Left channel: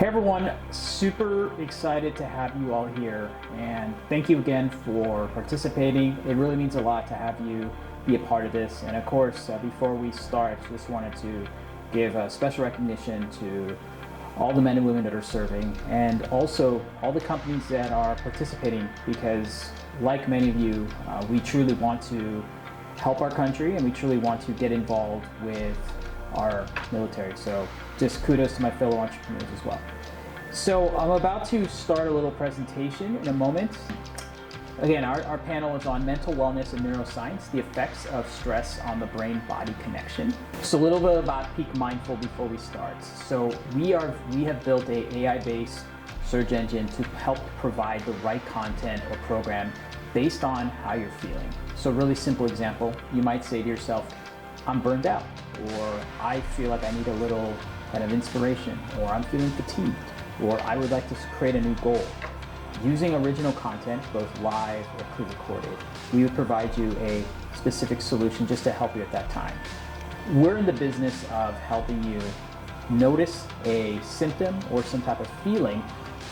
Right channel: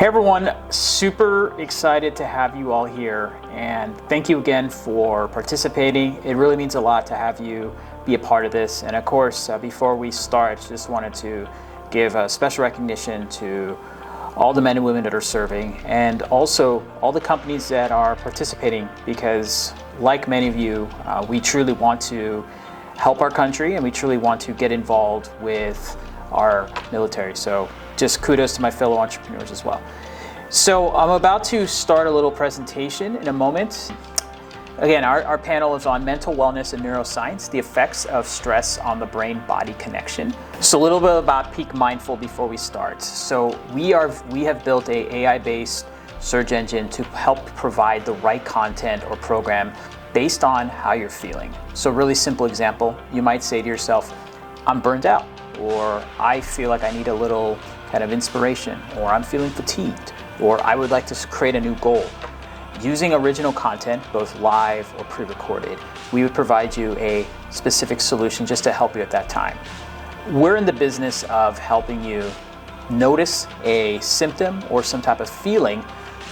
Hey everyone, super excited to have you all here, and thank you again for participating. It really means a lot to have you be a part of this. And of course, before we start, just wanted to give a special recognition to all the men and women that are serving, and also all the companies that are participating, because like many of you, we truly want to help our country and we truly want to get involved with our military. So just kudos to my fellow entrepreneurs as well. So I'm about to start a little presentation in a moment. Again, our panel is on mental wellness and neuroscience, the effects of stress on the brain-body connection. So a little bit about Peak Mindful before we start. So we have built a AI-based search engine to help provide the right content or program based on how you're feeling. So really simple example, you might say to yourself, I'm burned out, or I feel like I need a little kind of inspiration, or I'm feeling fatigued, or I would like to create a new goal. Using original content, both live or pre-recorded, we would provide you a specific solution just to help you at that time. We're in the business of helping you notice a symptom or some type of feeling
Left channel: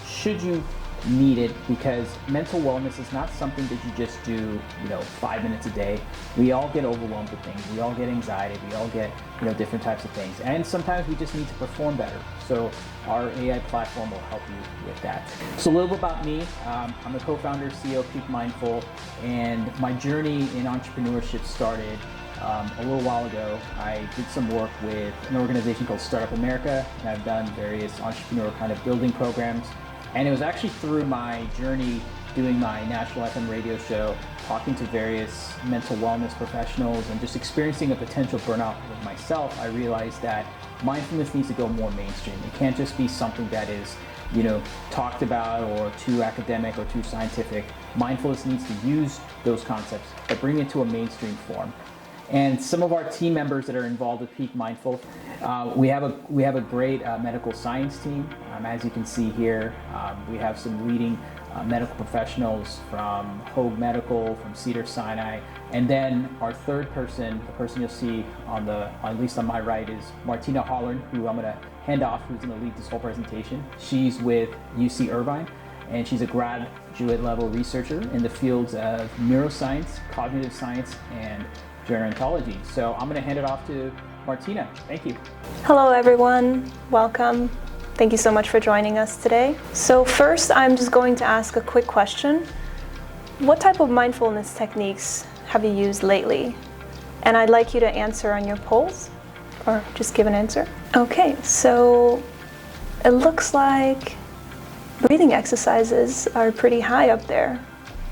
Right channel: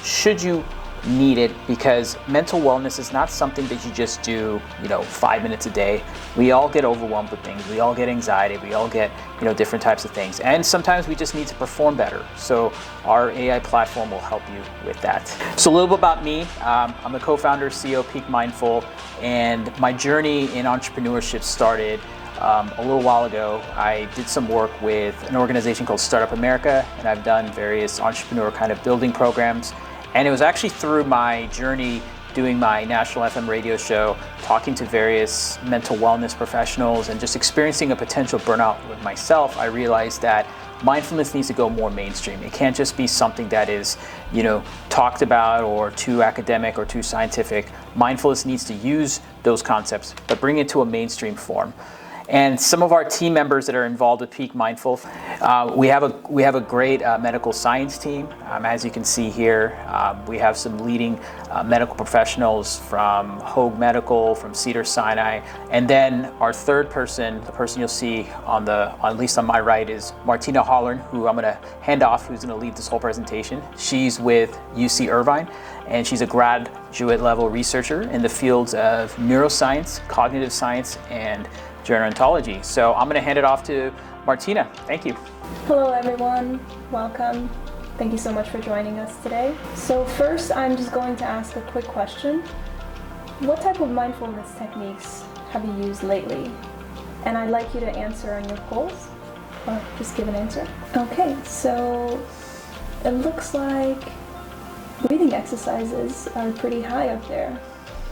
should you need it, because mental wellness is not something that you just do, 5 minutes a day. We all get overwhelmed with things. We all get anxiety. We all get, different types of things. And sometimes we just need to perform better. So our AI platform will help you with that. So a little bit about me. I'm the co-founder, CEO of Peak Mindful, and my journey in entrepreneurship started a little while ago. I did some work with an organization called Startup America, and I've done various entrepreneur kind of building programs. And it was actually through my journey doing my national FM radio show, talking to various mental wellness professionals and just experiencing a potential burnout with myself, I realized that mindfulness needs to go more mainstream. It can't just be something that is, talked about or too academic or too scientific. Mindfulness needs to use those concepts, but bring it to a mainstream form. And some of our team members that are involved with Peak Mindful, we have a great medical science team. As you can see here, we have some leading medical professionals from Hoag Medical, from Cedars-Sinai, and then our third person, the person you'll see at least on my right, is Martina Hollearn, who I'm going to hand off, who's going to lead this whole presentation. She's with UC Irvine, and she's a graduate level researcher in the fields of neuroscience, cognitive science, and gerontology. So I'm going to hand it off to Martina. Thank you. Hello everyone, welcome. Thank you so much for joining us today. So first, I'm just going to ask a quick question. What type of mindfulness techniques have you used lately? And I'd like you to answer on your polls, or just give an answer. Okay, so it looks like breathing exercises are pretty high up there.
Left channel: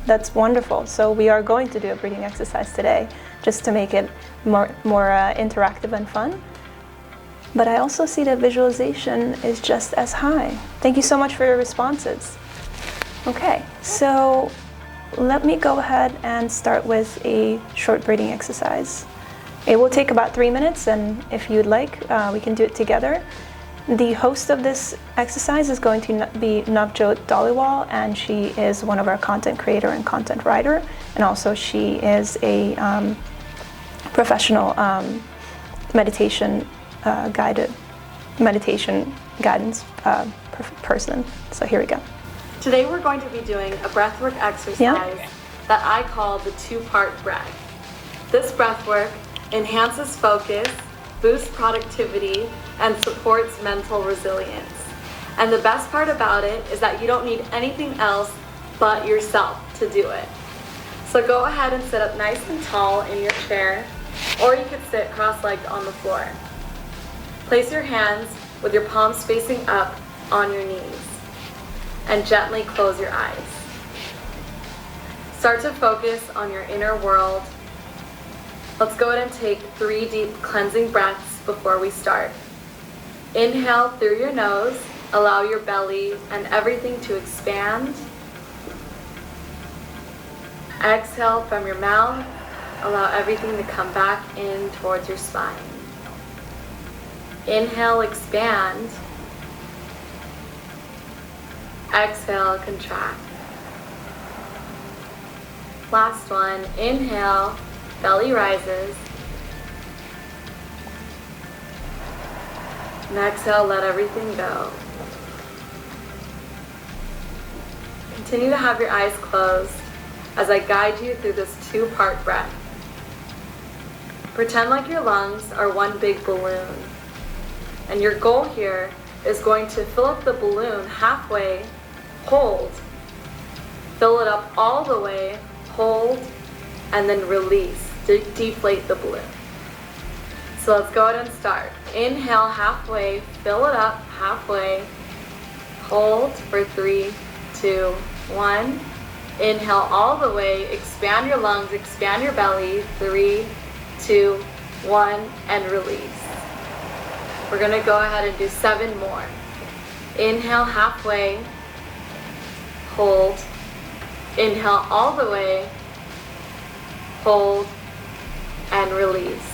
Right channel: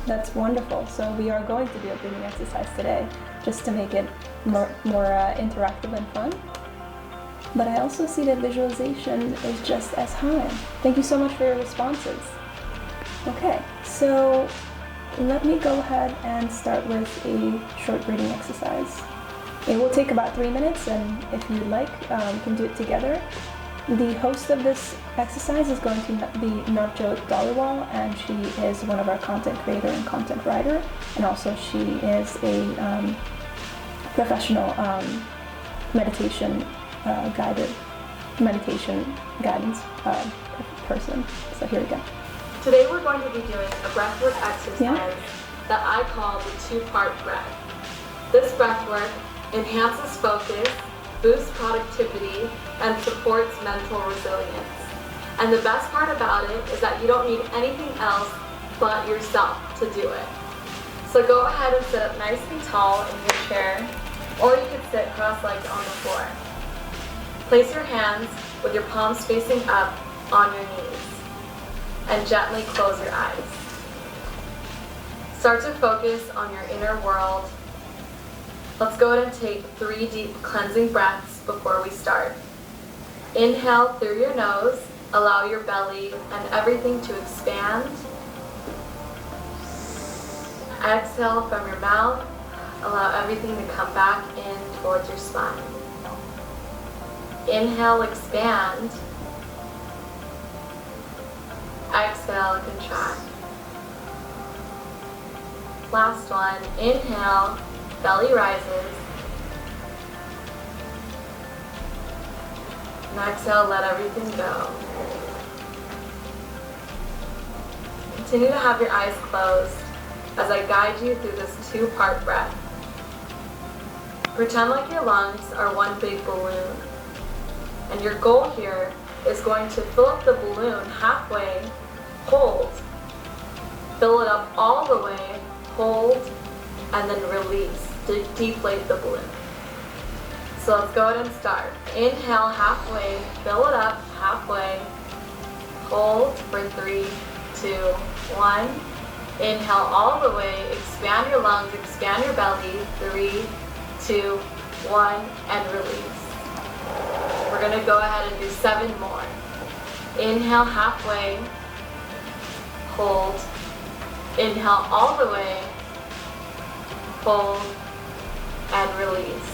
That's wonderful. So we are going to do a breathing exercise today, just to make it more interactive and fun. But I also see that visualization is just as high. Thank you so much for your responses. Okay, so let me go ahead and start with a short breathing exercise. It will take about 3 minutes, and if you'd like, we can do it together. The host of this exercise is going to be Navjot Dhaliwal, and she is one of our content creator and content writer, and also she is a professional meditation guidance person. So here we go. Today we're going to be doing a breathwork exercise that I call the two-part breath. This breathwork enhances focus, boosts productivity, and supports mental resilience. And the best part about it is that you don't need anything else but yourself to do it. So go ahead and sit up nice and tall in your chair, or you could sit cross-legged on the floor. Place your hands with your palms facing up on your knees, and gently close your eyes. Start to focus on your inner world. Let's go ahead and take 3 deep cleansing breaths before we start. Inhale through your nose, allow your belly and everything to expand. Exhale from your mouth, allow everything to come back in towards your spine. Inhale, expand. Exhale, contract. Last one, inhale, belly rises. And exhale, let everything go. continue to have your eyes closed as I guide you through this two-part breath. Pretend like your lungs are one big balloon, and your goal here is going to fill up the balloon halfway, hold, fill it up all the way, hold, and then release, deflate the balloon. So let's go ahead and start. Inhale halfway, fill it up halfway, hold for 3, 2, 1. Inhale all the way, expand your lungs, expand your belly, 3, 2, 1, and release. We're gonna go ahead and do 7 more. Inhale halfway, hold, inhale all the way, hold, and release.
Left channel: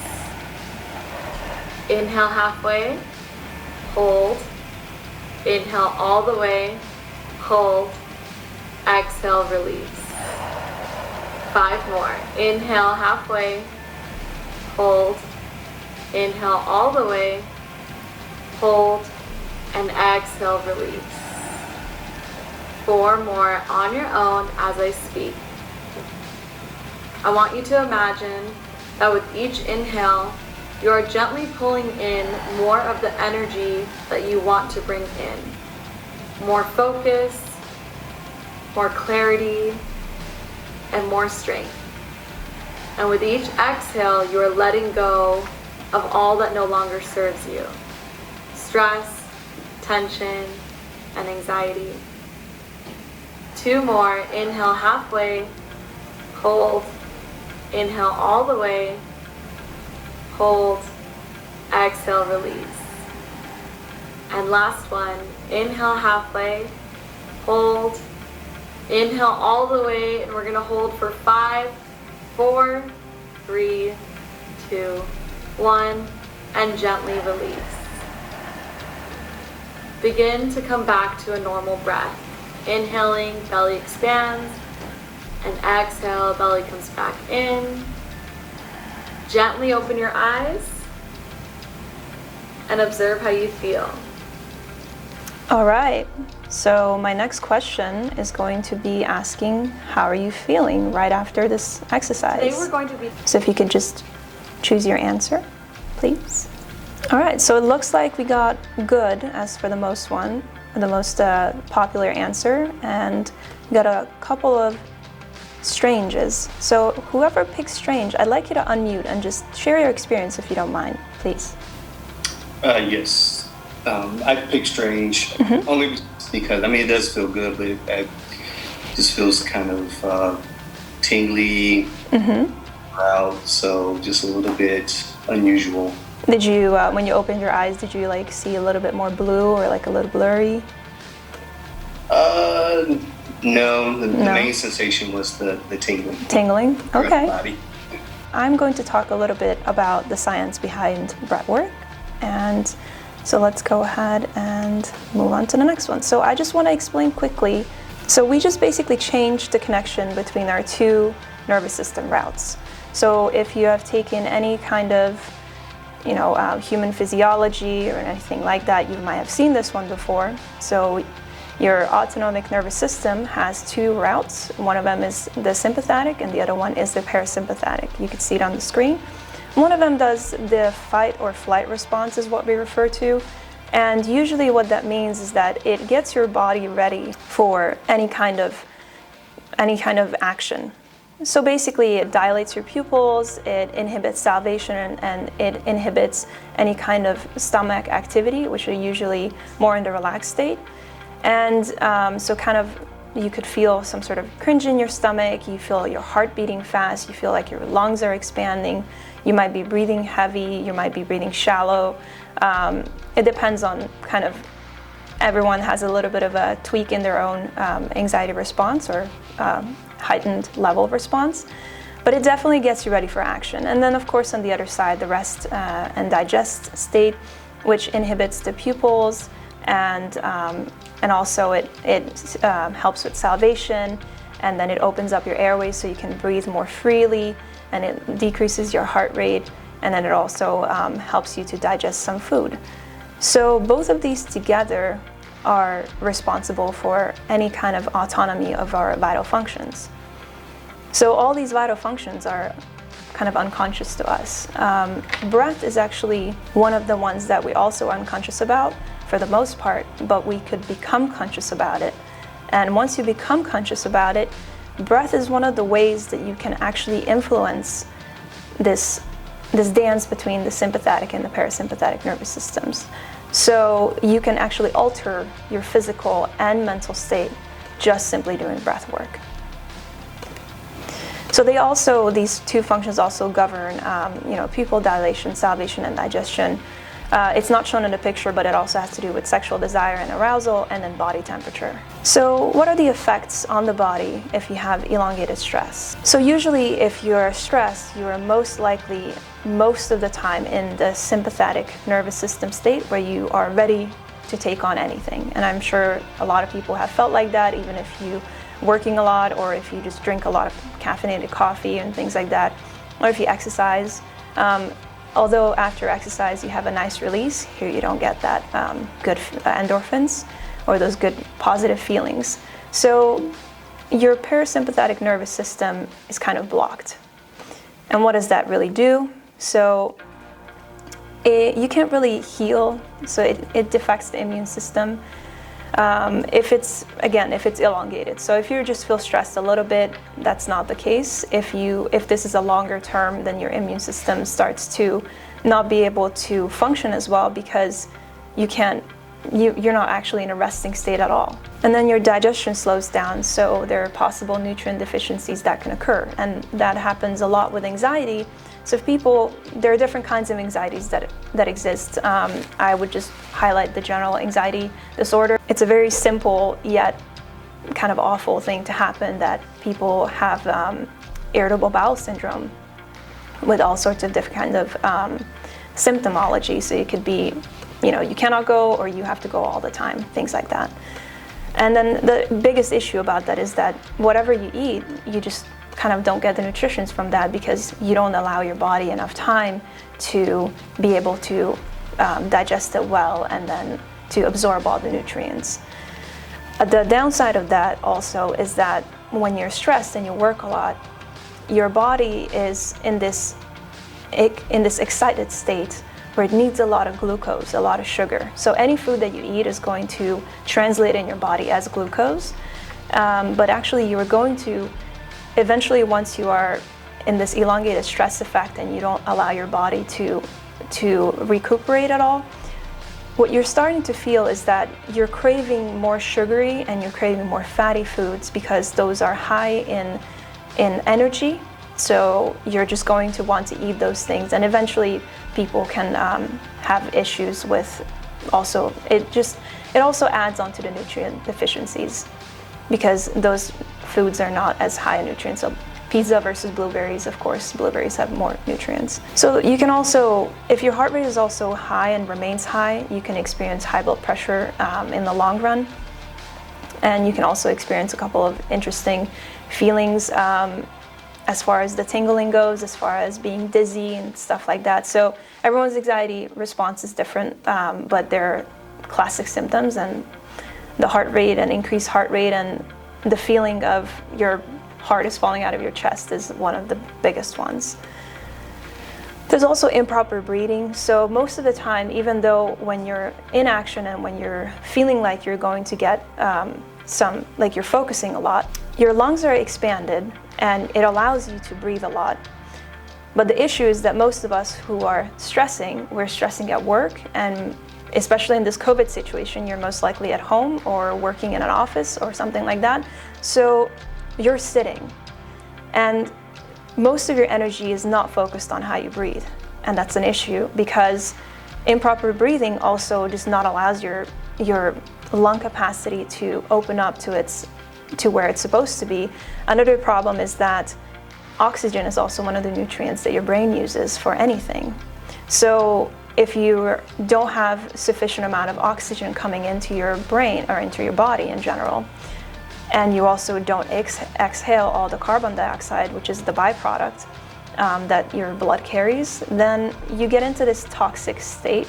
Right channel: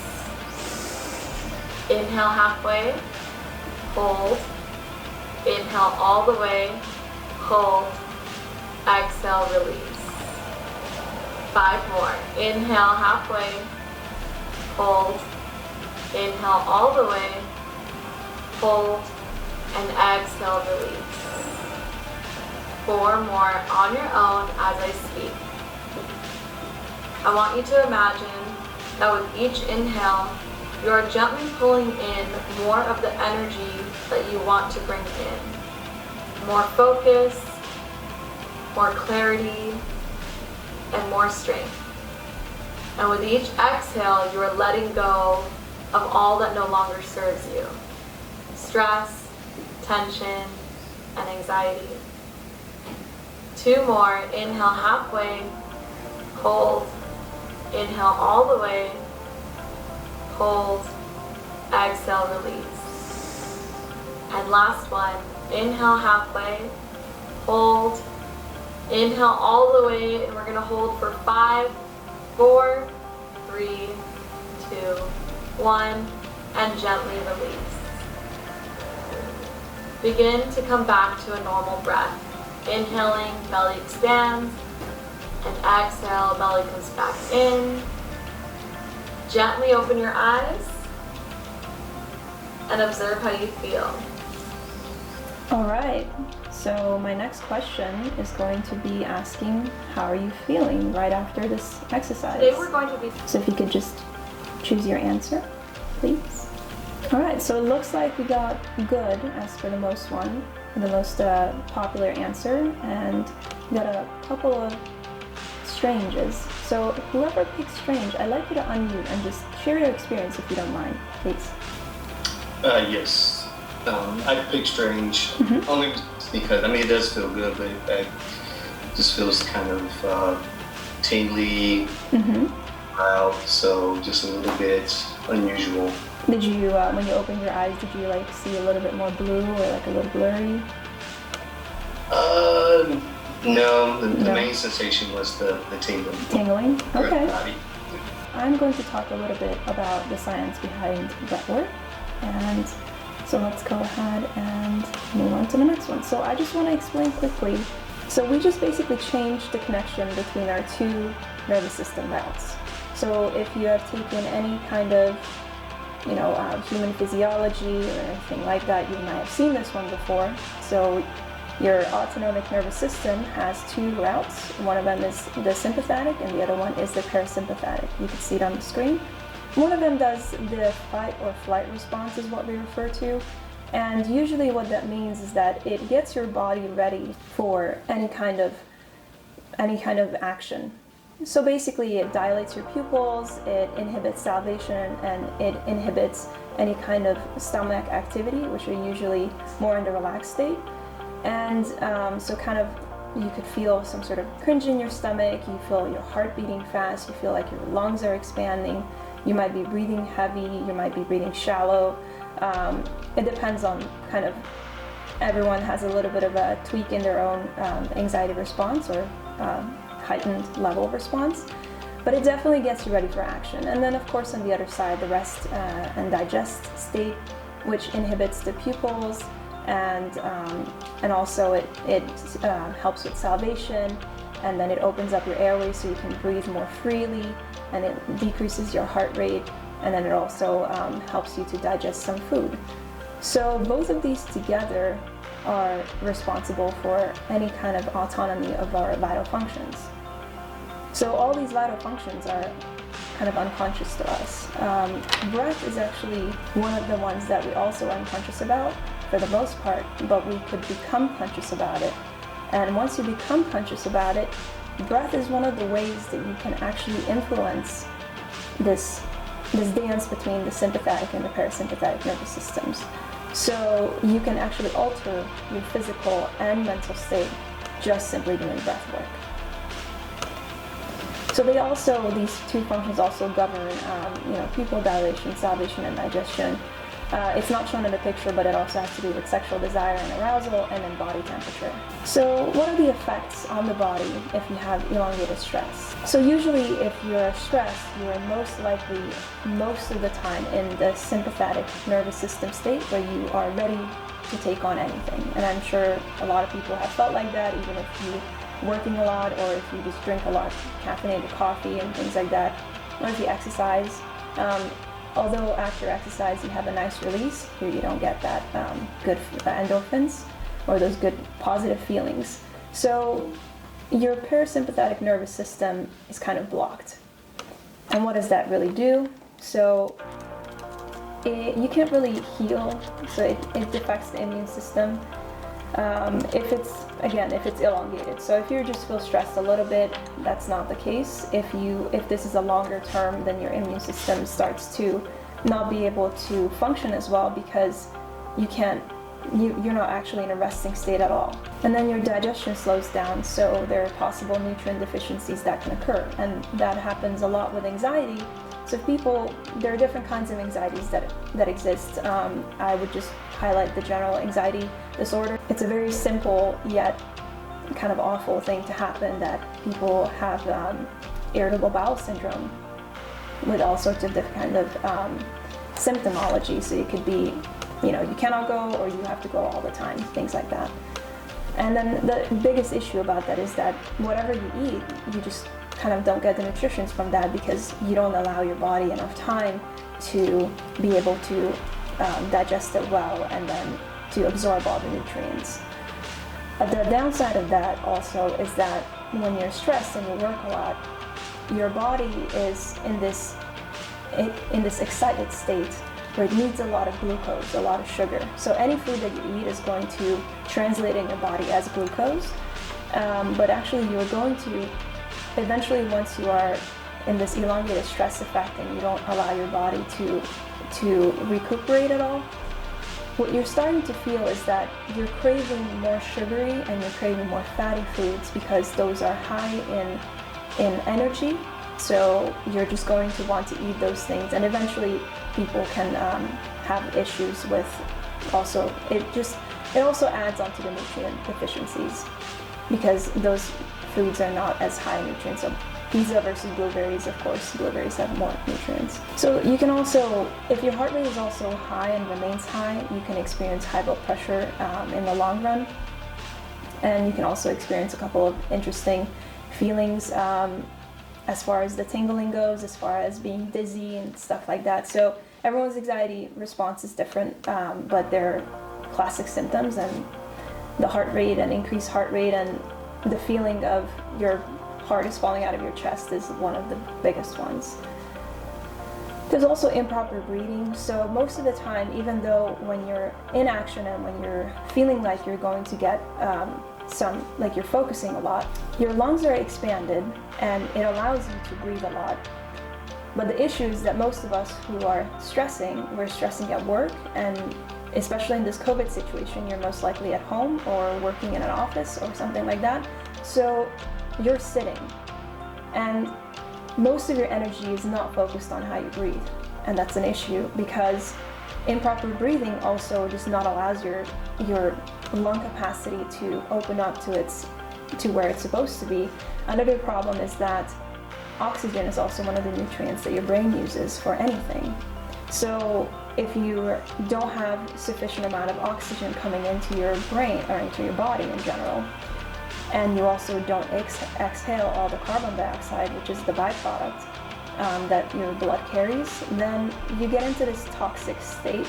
Inhale halfway, hold, inhale all the way, hold, exhale, release. 5 more. Inhale halfway, hold, inhale all the way, hold, and exhale, release. 4 more on your own as I speak. I want you to imagine that with each inhale, you're gently pulling in more of the energy that you want to bring in. More focus, more clarity, and more strength. And with each exhale, you are letting go of all that no longer serves you. Stress, tension, and anxiety. 2 more. Inhale halfway, hold, inhale all the way, hold, exhale, release. And last one. Inhale halfway, hold, inhale all the way, and we're gonna hold for 5, 4, 3, 2, 1, and gently release. Begin to come back to a normal breath. Inhaling, belly expands, and exhale, belly comes back in. Gently open your eyes and observe how you feel. All right, so my next question is going to be asking, how are you feeling right after this exercise? Today we're going to be... So if you could just choose your answer, please. All right, so it looks like we got good as for the most popular answer, and we got a couple of stranges. So whoever picks strange, I'd like you to unmute and just share your experience if you don't mind, please. Yes. I picked strange only because, I mean, it does feel good, but it just feels kind of tingly, loud, so just a little bit unusual. Did you, when you opened your eyes, did you like see a little bit more blue or like a little blurry? No, the main sensation was the tingling. Tingling? Okay. Body. I'm going to talk a little bit about the science behind breathwork, and so let's go ahead and move on to the next one. So I just want to explain quickly. So we just basically changed the connection between our 2 nervous system routes. So if you have taken any kind of human physiology or anything like that, you might have seen this one before. So your autonomic nervous system has 2 routes. One of them is the sympathetic and the other one is the parasympathetic. You can see it on the screen. One of them does the fight or flight response is what we refer to. And usually what that means is that it gets your body ready for any kind of action. So basically it dilates your pupils, it inhibits salivation, and it inhibits any kind of stomach activity, which are usually more in the relaxed state. And so kind of you could feel some sort of cringe in your stomach, you feel your heart beating fast, you feel like your lungs are expanding, you might be breathing heavy, you might be breathing shallow. It depends on kind of, everyone has a little bit of a tweak in their own anxiety response or heightened level of response, but it definitely gets you ready for action. And then of course on the other side, the rest and digest state, which inhibits the pupils, and also it helps with salivation, and then it opens up your airways so you can breathe more freely, and it decreases your heart rate, and then it also helps you to digest some food. So both of these together are responsible for any kind of autonomy of our vital functions. So all these vital functions are kind of unconscious to us. Breath is actually one of the ones that we also are unconscious about for the most part, but we could become conscious about it. And once you become conscious about it, breath is one of the ways that you can actually influence this dance between the sympathetic and the parasympathetic nervous systems. So you can actually alter your physical and mental state just simply doing breath work. So these two functions also govern, pupil dilation, salivation, and digestion. It's not shown in the picture, but it also has to do with sexual desire and arousal, and then body temperature. So what are the effects on the body if you have elongated stress? So usually if you're stressed, you are most likely, most of the time, in the sympathetic nervous system state where you are ready to take on anything. And I'm sure a lot of people have felt like that, even if you're working a lot, or if you just drink a lot of caffeinated coffee and things like that, or if you exercise. Although after exercise you have a nice release, here you don't get that good endorphins or those good positive feelings. So your parasympathetic nervous system is kind of blocked. And what does that really do? So you can't really heal, so it affects the immune system. If it's elongated. So if you just feel stressed a little bit, that's not the case. If this is a longer term, then your immune system starts to not be able to function as well because you're not actually in a resting state at all. And then your digestion slows down, so there are possible nutrient deficiencies that can occur. And that happens a lot with anxiety. So there are different kinds of anxieties that exist. I would just highlight the general anxiety disorder. It's a very simple yet kind of awful thing to happen, that people have irritable bowel syndrome with all sorts of different kinds of symptomology. So it could be, you cannot go, or you have to go all the time, things like that. And then the biggest issue about that is that whatever you eat, you just kind of don't get the nutrition from that because you don't allow your body enough time to be able to digest it well and then to absorb all the nutrients. The downside of that also is that when you're stressed and you work a lot, your body is in this excited state where it needs a lot of glucose, a lot of sugar. So any food that you eat is going to translate in your body as glucose, but actually you are going to eventually, once you are in this elongated stress effect and you don't allow your body to recuperate at all, what you're starting to feel is that you're craving more sugary and you're craving more fatty foods because those are high in energy. So you're just going to want to eat those things, and eventually people can have issues with also, it also adds on to the nutrient deficiencies because those foods are not as high in nutrients. So pizza versus blueberries, of course, blueberries have more nutrients. So you can also, if your heart rate is also high and remains high, you can experience high blood pressure in the long run. And you can also experience a couple of interesting feelings as far as the tingling goes, as far as being dizzy and stuff like that. So everyone's anxiety response is different, but they're classic symptoms, and the heart rate and increased heart rate and the feeling of your heart is falling out of your chest is one of the biggest ones. There's also improper breathing. So most of the time, even though when you're in action and when you're feeling like you're going to get like you're focusing a lot, your lungs are expanded and it allows you to breathe a lot. But the issue is that most of us who are stressing, we're stressing at work, and especially in this COVID situation, you're most likely at home or working in an office or something like that. So you're sitting, and most of your energy is not focused on how you breathe. And that's an issue because improper breathing also just not allows your lung capacity to open up to where it's supposed to be. Another problem is that oxygen is also one of the nutrients that your brain uses for anything. So if you don't have sufficient amount of oxygen coming into your brain or into your body in general, and you also don't exhale all the carbon dioxide, which is the byproduct that your blood carries, then you get into this toxic state.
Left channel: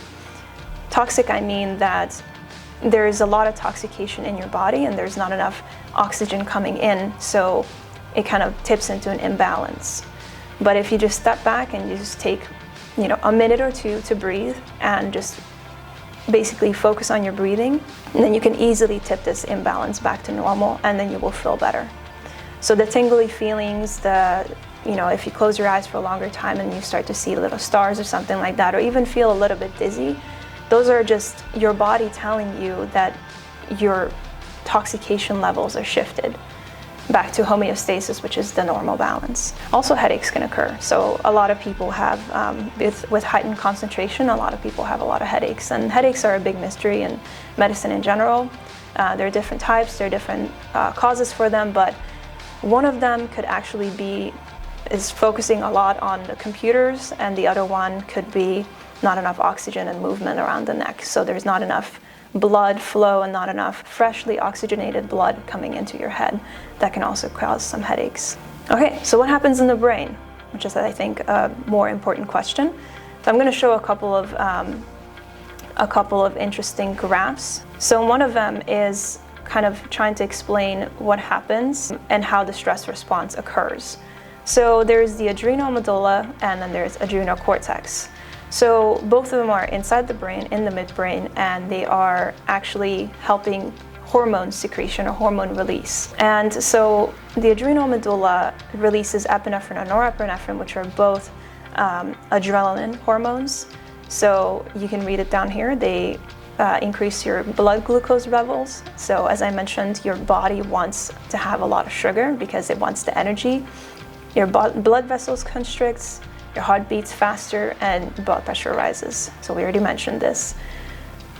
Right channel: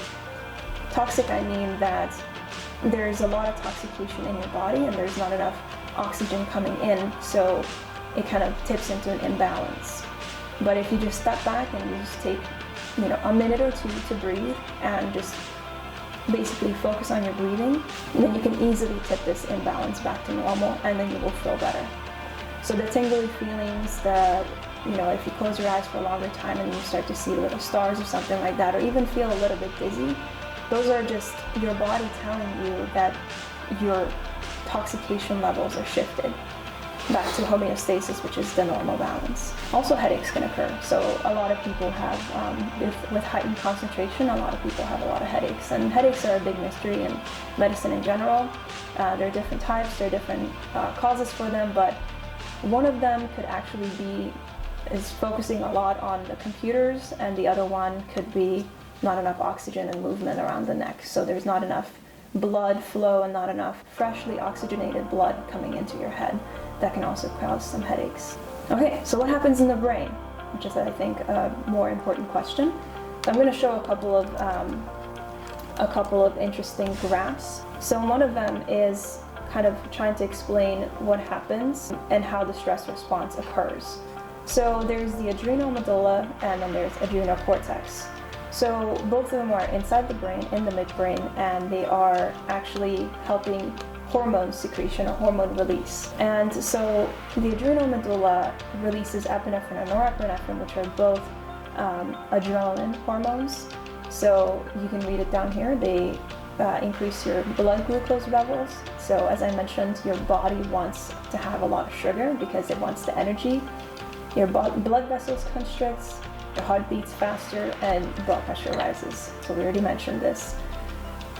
Toxic, I mean that there's a lot of toxication in your body and there's not enough oxygen coming in, so it kind of tips into an imbalance. But if you just step back and you just take, a minute or two to breathe and just basically focus on your breathing, and then you can easily tip this imbalance back to normal, and then you will feel better. So the tingly feelings, if you close your eyes for a longer time and you start to see little stars or something like that, or even feel a little bit dizzy, those are just your body telling you that your toxication levels are shifted back to homeostasis, which is the normal balance. Also, headaches can occur. So a lot of people have, with heightened concentration, a lot of people have a lot of headaches. And headaches are a big mystery in medicine in general. There are different types, there are different causes for them, but one of them could actually is focusing a lot on the computers, and the other one could be not enough oxygen and movement around the neck. So there's not enough blood flow and not enough freshly oxygenated blood coming into your head. That can also cause some headaches. Okay, so what happens in the brain? Which is, I think, a more important question. So I'm going to show a couple of interesting graphs. So one of them is kind of trying to explain what happens and how the stress response occurs. So there's the adrenal medulla and then there's adrenal cortex. So both of them are inside the brain, in the midbrain, and they are actually helping hormone secretion or hormone release. And so the adrenal medulla releases epinephrine and norepinephrine, which are both adrenaline hormones. So you can read it down here. They increase your blood glucose levels. So as I mentioned, your body wants to have a lot of sugar because it wants the energy. Your blood vessels constricts, your heart beats faster, and blood pressure rises. So we already mentioned this.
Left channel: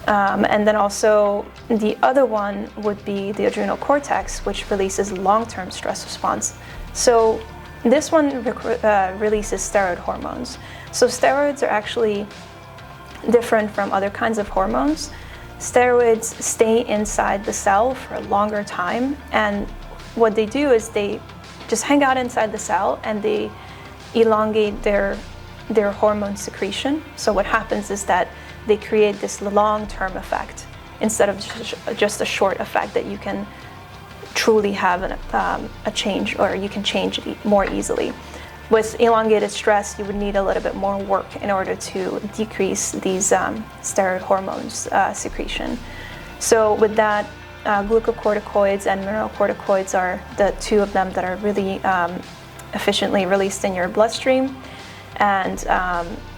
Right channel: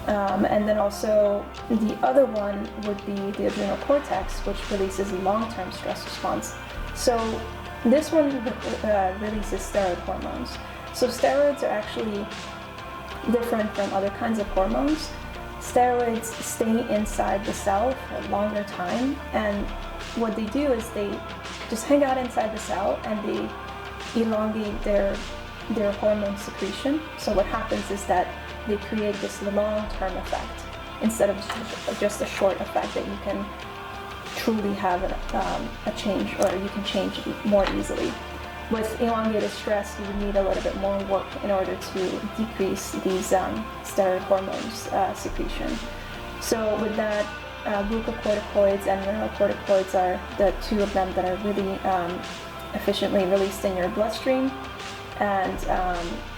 And then also the other one would be the adrenal cortex, which releases long-term stress response. So this one releases steroid hormones. So steroids are actually different from other kinds of hormones. Steroids stay inside the cell for a longer time, and what they do is they just hang out inside the cell and they elongate their hormone secretion. So what happens is that they create this long-term effect instead of just a short effect that you can truly have a change, or you can change more easily. With elongated stress, you would need a little bit more work in order to decrease these steroid hormones secretion. So with that, glucocorticoids and mineralocorticoids are the two of them that are really efficiently released in your bloodstream, and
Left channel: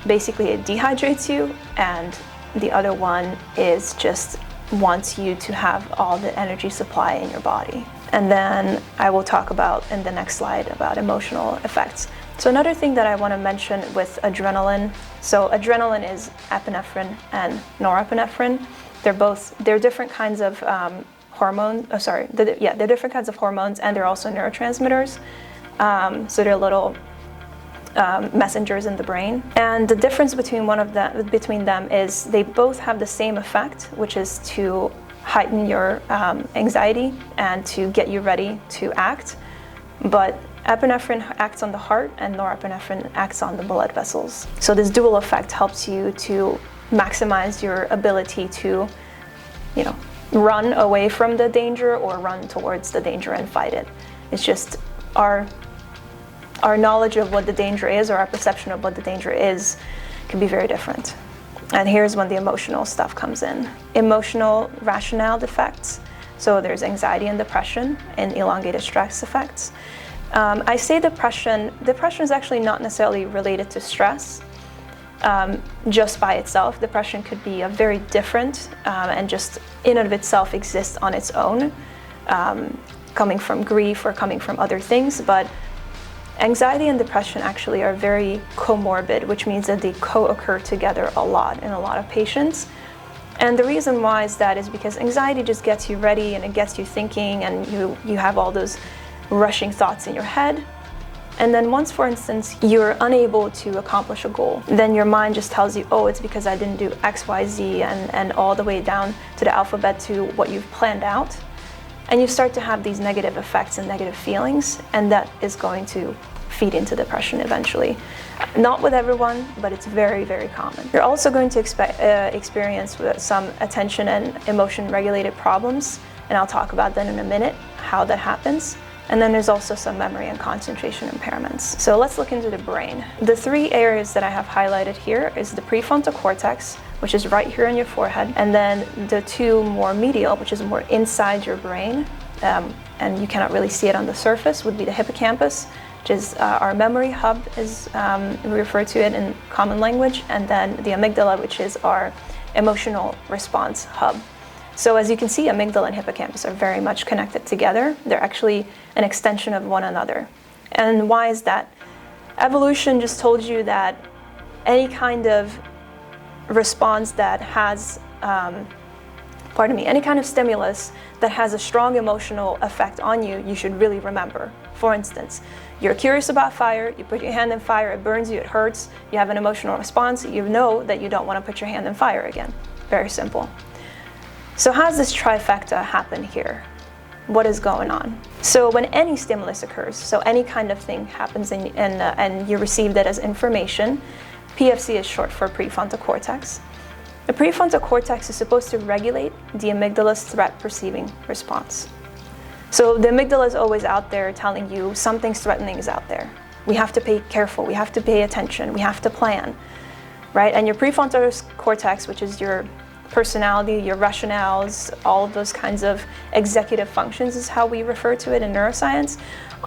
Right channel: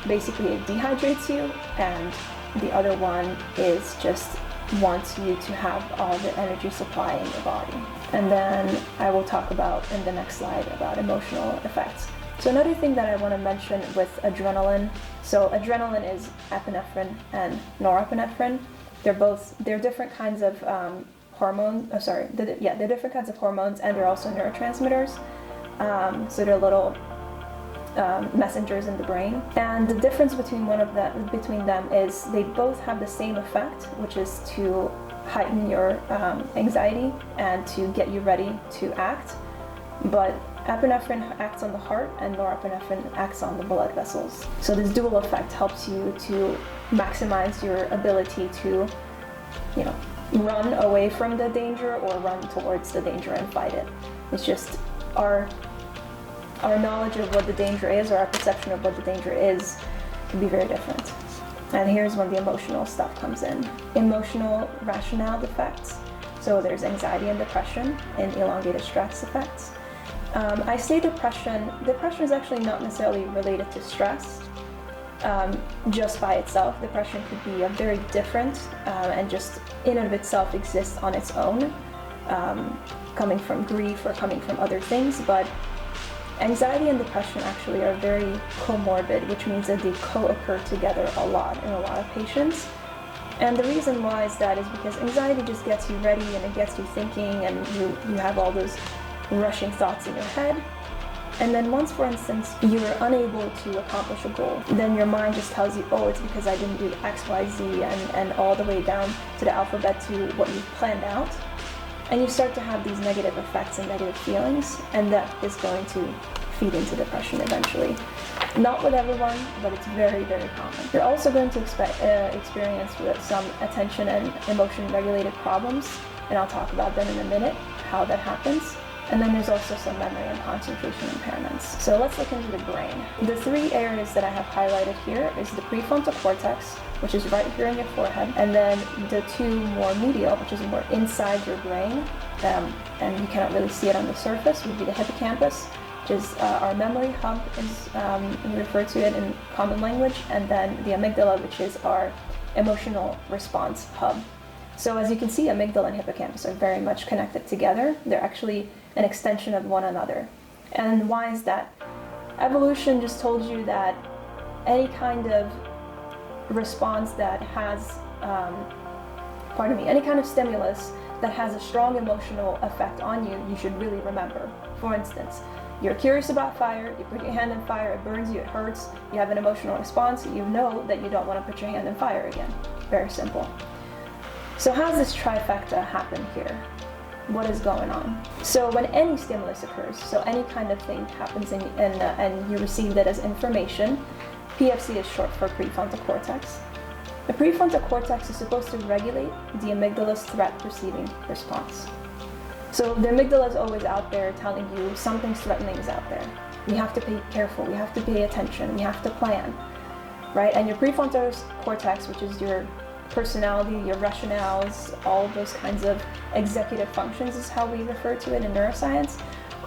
basically it dehydrates you, and the other one is just wants you to have all the energy supply in your body. And then I will talk about in the next slide about emotional effects. So another thing that I want to mention with adrenaline, so adrenaline is epinephrine and norepinephrine. They're different kinds of hormones. They're different kinds of hormones, and they're also neurotransmitters. So they're little messengers in the brain. And the difference between them is they both have the same effect, which is to heighten your anxiety and to get you ready to act. But epinephrine acts on the heart and norepinephrine acts on the blood vessels. So this dual effect helps you to maximize your ability to, run away from the danger or run towards the danger and fight it. It's just our knowledge of what the danger is, or our perception of what the danger is, can be very different. And here's when the emotional stuff comes in. Emotional rationale effects. So there's anxiety and depression and elongated stress effects. I say depression is actually not necessarily related to stress just by itself. Depression could be a very different and just in and of itself exists on its own, coming from grief or coming from other things. But anxiety and depression actually are very comorbid, which means that they co-occur together a lot in a lot of patients. And the reason why is because anxiety just gets you ready and it gets you thinking, and you have all those rushing thoughts in your head. And then once, for instance, you're unable to accomplish a goal, then your mind just tells you, oh, it's because I didn't do X, Y, Z, and all the way down to the alphabet to what you've planned out. And you start to have these negative effects and negative feelings, and that is going to feed into depression eventually. Not with everyone, but it's very, very common. You're also going to experience some attention and emotion related problems, and I'll talk about that in a minute, how that happens. And then there's also some memory and concentration impairments. So let's look into the brain. The three areas that I have highlighted here is the prefrontal cortex, which is right here on your forehead, and then the two more medial, which is more inside your brain, and you cannot really see it on the surface, would be the hippocampus, which is our memory hub, as we refer to it in common language, and then the amygdala, which is our emotional response hub. So as you can see, amygdala and hippocampus are very much connected together. They're actually an extension of one another. And why is that? Evolution just told you that any kind of response that has, any kind of stimulus that has a strong emotional effect on you, you should really remember. For instance, you're curious about fire, you put your hand in fire, it burns you, it hurts, you have an emotional response, you know that you don't want to put your hand in fire again. Very simple. So how does this trifecta happen here? What is going on? So when any stimulus occurs, so any kind of thing happens and you receive that as information, PFC is short for prefrontal cortex. The prefrontal cortex is supposed to regulate the amygdala's threat perceiving response. So the amygdala is always out there telling you something's threatening is out there. We have to be careful, we have to pay attention, we have to plan, right? And your prefrontal cortex, which is your personality, your rationales, all of those kinds of executive functions is how we refer to it in neuroscience.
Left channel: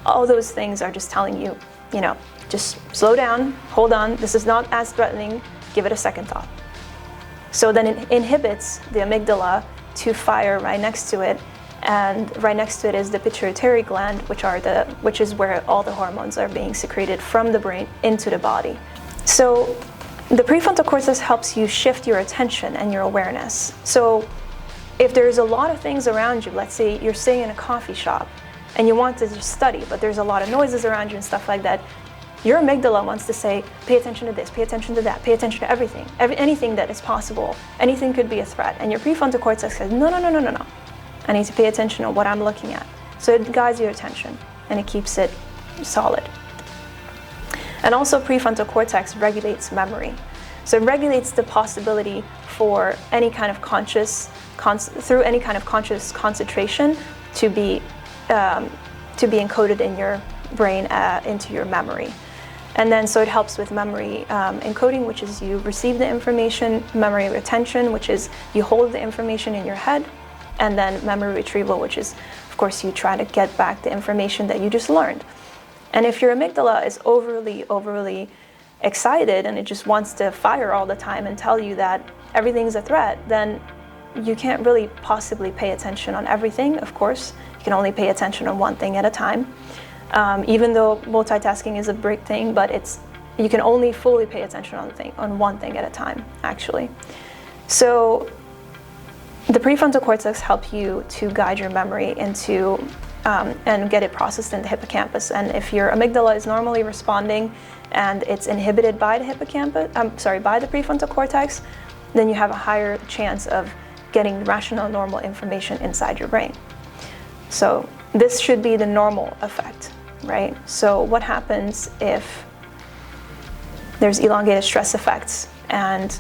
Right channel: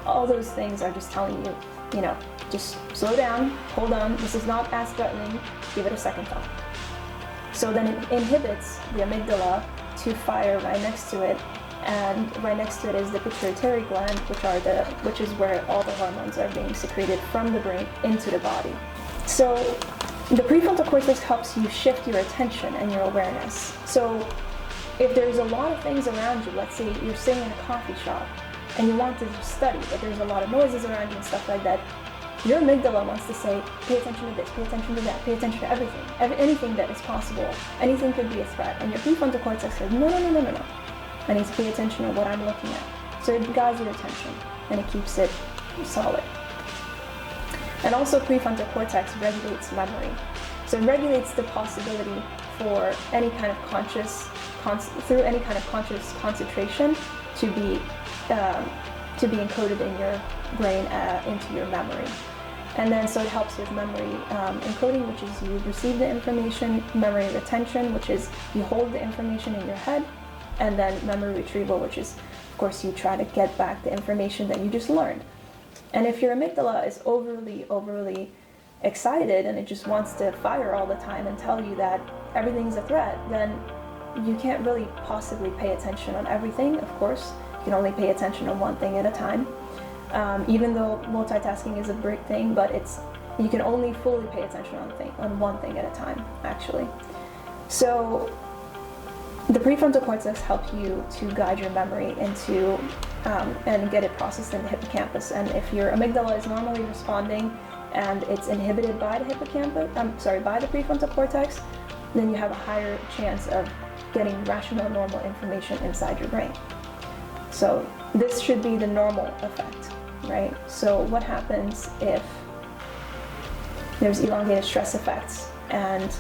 All those things are just telling you, just slow down, hold on, this is not as threatening, give it a second thought. So then it inhibits the amygdala to fire right next to it, and right next to it is the pituitary gland, which is where all the hormones are being secreted from the brain into the body. So the prefrontal cortex helps you shift your attention and your awareness. So if there's a lot of things around you, let's say you're sitting in a coffee shop and you want to just study, but there's a lot of noises around you and stuff like that, your amygdala wants to say, pay attention to this, pay attention to that, pay attention to everything, anything that is possible. Anything could be a threat. And your prefrontal cortex says, no. I need to pay attention to what I'm looking at. So it guides your attention and it keeps it solid. And also prefrontal cortex regulates memory. So it regulates the possibility for any kind of conscious concentration to be encoded in your brain into your memory. And then so it helps with memory encoding, which is you receive the information, memory retention, which is you hold the information in your head, and then memory retrieval, which is, of course, you try to get back the information that you just learned. And if your amygdala is overly excited and it just wants to fire all the time and tell you that everything's a threat, then you can't really possibly pay attention on everything, of course. You can only pay attention on one thing at a time. Even though multitasking is a great thing, but you can only fully pay attention on one thing at a time, actually. So the prefrontal cortex helps you to guide your memory into and get it processed in the hippocampus. And if your amygdala is normally responding and it's inhibited by the by the prefrontal cortex, then you have a higher chance of getting rational, normal information inside your brain. So this should be the normal effect, right? So what happens if there's elongated stress effects and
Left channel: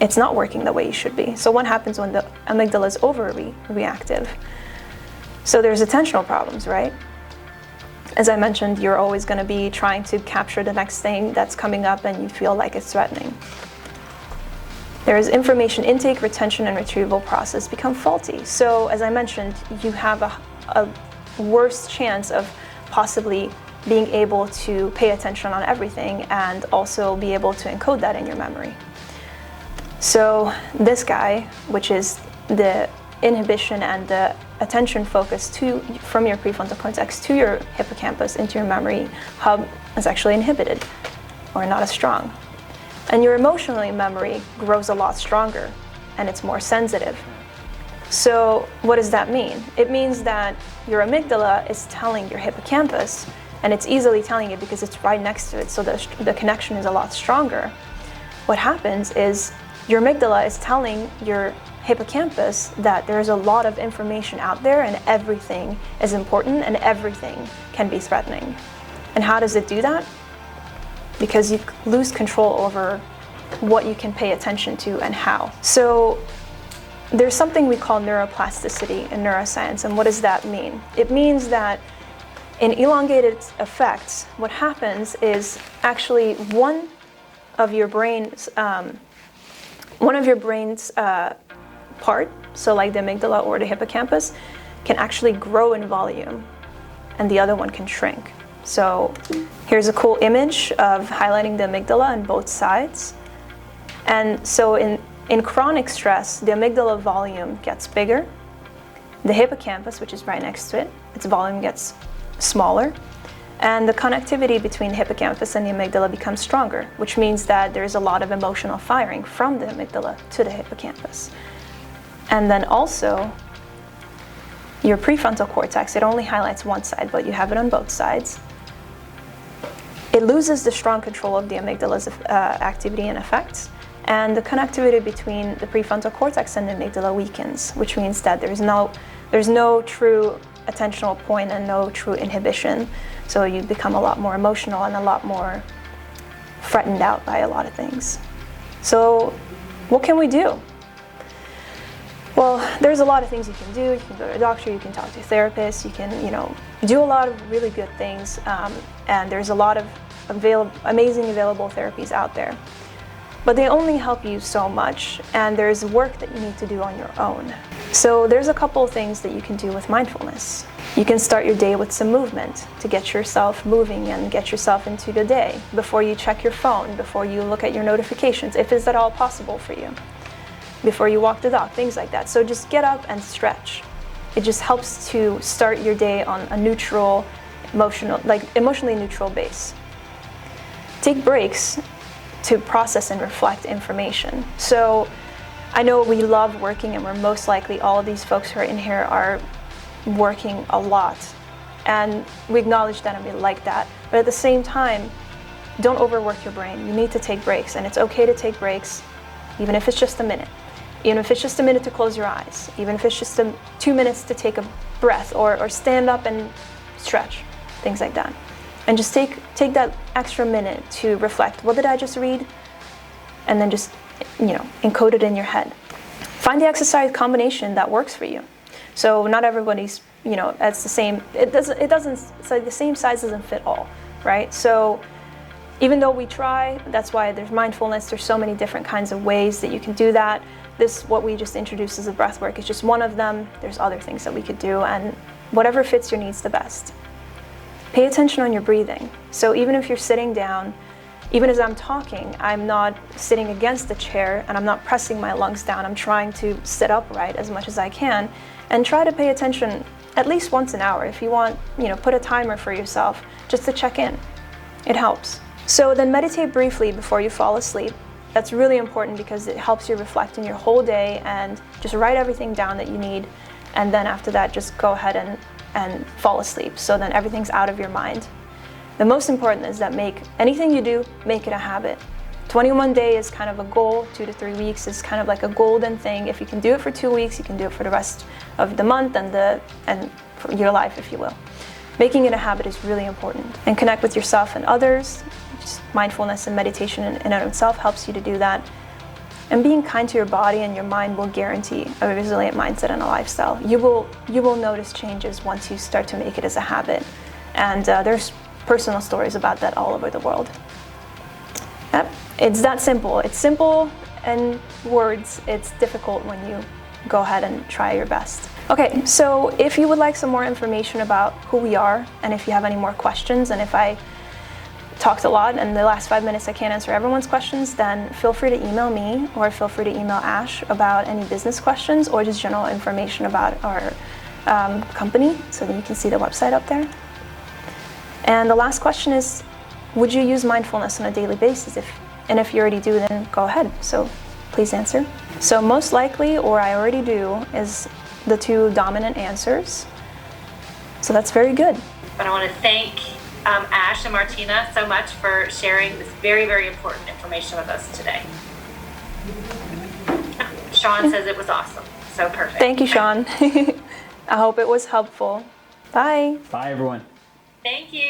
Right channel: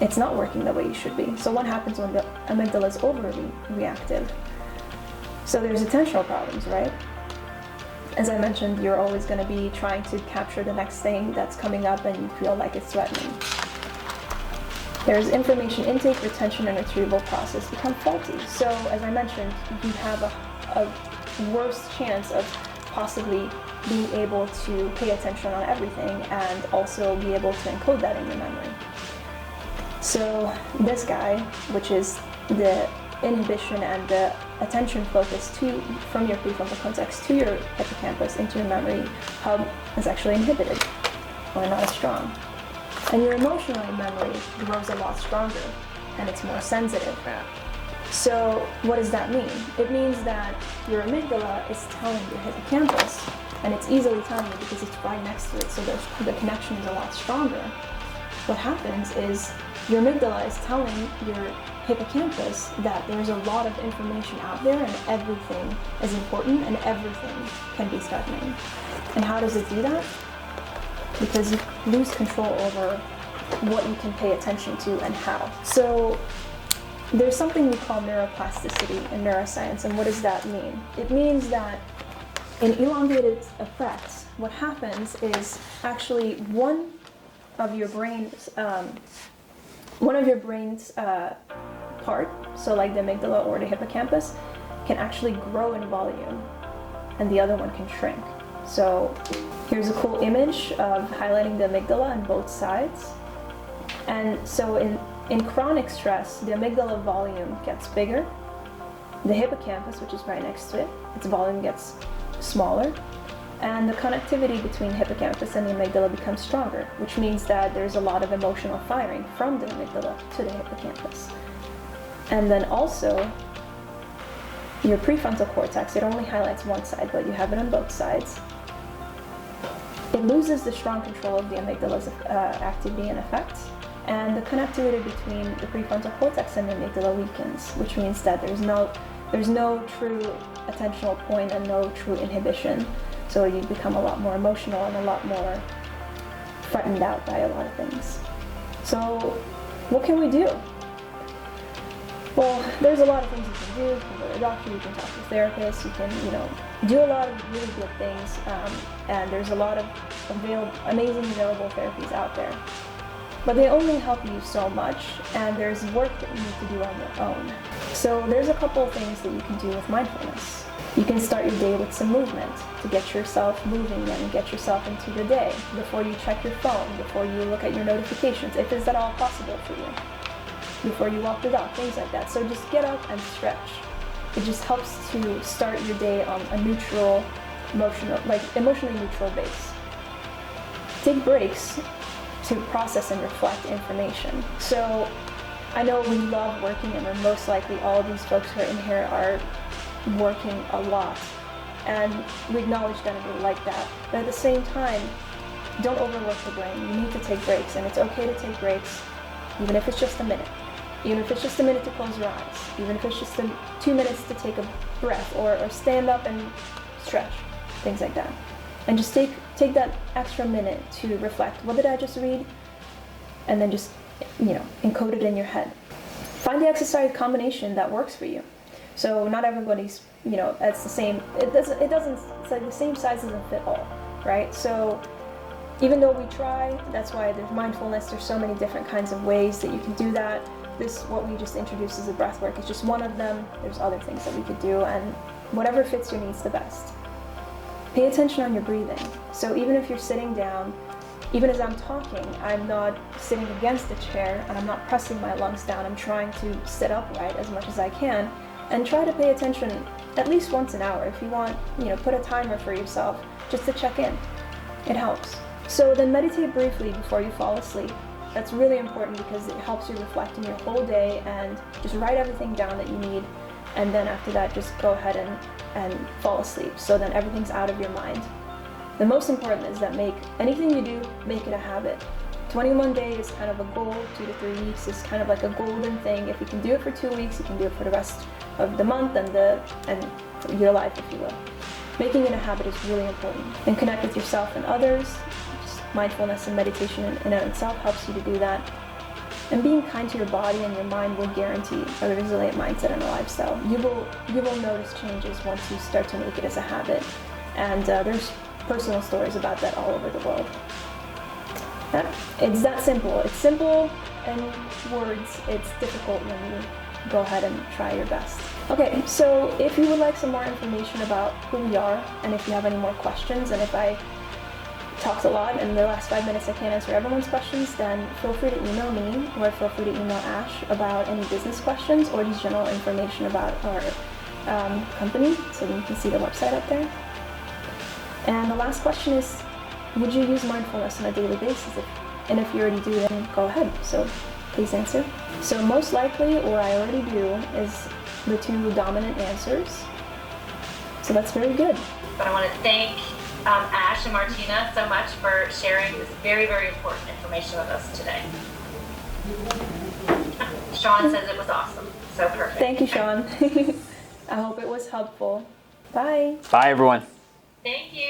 it's not working the way you should be? So what happens when the amygdala is overreactive? So there's attentional problems, right? As I mentioned, you're always going to be trying to capture the next thing that's coming up and you feel like it's threatening. There's information intake, retention, and retrieval process become faulty. So as I mentioned, you have a worse chance of possibly being able to pay attention on everything and also be able to encode that in your memory. So this guy, which is the inhibition and the attention focus from your prefrontal cortex to your hippocampus into your memory hub, is actually inhibited or not as strong. And your emotional memory grows a lot stronger and it's more sensitive. So what does that mean? It means that your amygdala is telling your hippocampus, and it's easily telling it because it's right next to it, so the connection is a lot stronger. What happens is your amygdala is telling your hippocampus that there's a lot of information out there and everything is important and everything can be threatening. And how does it do that? Because you lose control over what you can pay attention to and how. So there's something we call neuroplasticity in neuroscience, and what does that mean? It means that in elongated effects, what happens is actually one of your brain's part, so like the amygdala or the hippocampus, can actually grow in volume, and the other one can shrink. So here's a cool image of highlighting the amygdala on both sides. And so in chronic stress, the amygdala volume gets bigger. The hippocampus, which is right next to it, its volume gets smaller. And the connectivity between the hippocampus and the amygdala becomes stronger, which means that there's a lot of emotional firing from the amygdala to the hippocampus. And then also, your prefrontal cortex, it only highlights one side, but you have it on both sides. It loses the strong control of the amygdala's activity and effects, and the connectivity between the prefrontal cortex and the amygdala weakens, which means that there's no true attentional point and no true inhibition. So you become a lot more emotional and a lot more threatened out by a lot of things. So what can we do? Well, there's a lot of things you can do. You can go to a doctor, you can talk to a therapist, you can, do a lot of really good things, and there's a lot of amazing available therapies out there. But they only help you so much, and there's work that you need to do on your own. So there's a couple of things that you can do with mindfulness. You can start your day with some movement to get yourself moving and get yourself into the day before you check your phone, before you look at your notifications, if it's at all possible for you, before you walk the dog, things like that. So just get up and stretch. It just helps to start your day on a neutral, emotionally neutral base. Take breaks to process and reflect information. So I know we love working, and we're most likely, all of these folks who are in here are working a lot. And we acknowledge that and we like that. But at the same time, don't overwork your brain. You need to take breaks, and it's okay to take breaks, even if it's just a minute. Even if it's just a minute to close your eyes, even if it's just 2 minutes to take a breath or stand up and stretch, things like that. And just take that extra minute to reflect. What did I just read? And then just, encode it in your head. Find the exercise combination that works for you. So not everybody's, it's the same. It's like the same size doesn't fit all, right? So even though we try, that's why there's mindfulness. There's so many different kinds of ways that you can do that. What we just introduced as a breath work is just one of them. There's other things that we could do, and whatever fits your needs the best. Pay attention on your breathing. So even if you're sitting down, even as I'm talking, I'm not sitting against the chair and I'm not pressing my lungs down. I'm trying to sit upright as much as I can, and try to pay attention at least once an hour. If you want, put a timer for yourself just to check in. It helps. So then meditate briefly before you fall asleep. That's really important because it helps you reflect on your whole day and just write everything down that you need. And then after that, just go ahead and fall asleep. So then everything's out of your mind. The most important is that anything you do, make it a habit. 21 days is kind of a goal. 2 to 3 weeks is kind of like a golden thing. If you can do it for 2 weeks, you can do it for the rest of the month and for your life, if you will. Making it a habit is really important. And connect with yourself and others. Just mindfulness and meditation in and of itself helps you to do that. And being kind to your body and your mind will guarantee a resilient mindset and a lifestyle. You will notice changes once you start to make it as a habit. And there's personal stories about that all over the world. Yep. It's that simple. It's simple in words. It's difficult when you go ahead and try your best. Okay, so if you would like some more information about who we are, and if you have any more questions, and if I talked a lot and the last 5 minutes I can't answer everyone's questions, then feel free to email me or feel free to email Ash about any business questions or just general information about our company, so that you can see the website up there. And the last question is, would you use mindfulness on a daily basis? If you already do, then go ahead. So please answer. So most likely, or I already do, is the 2 dominant answers. So that's very good. But I want to thank Ash and Martina so much for sharing this very, very important information with us today. Sean says it was awesome. So perfect. Thank you, Sean. I hope it was helpful. Bye. Bye, everyone. Thank you.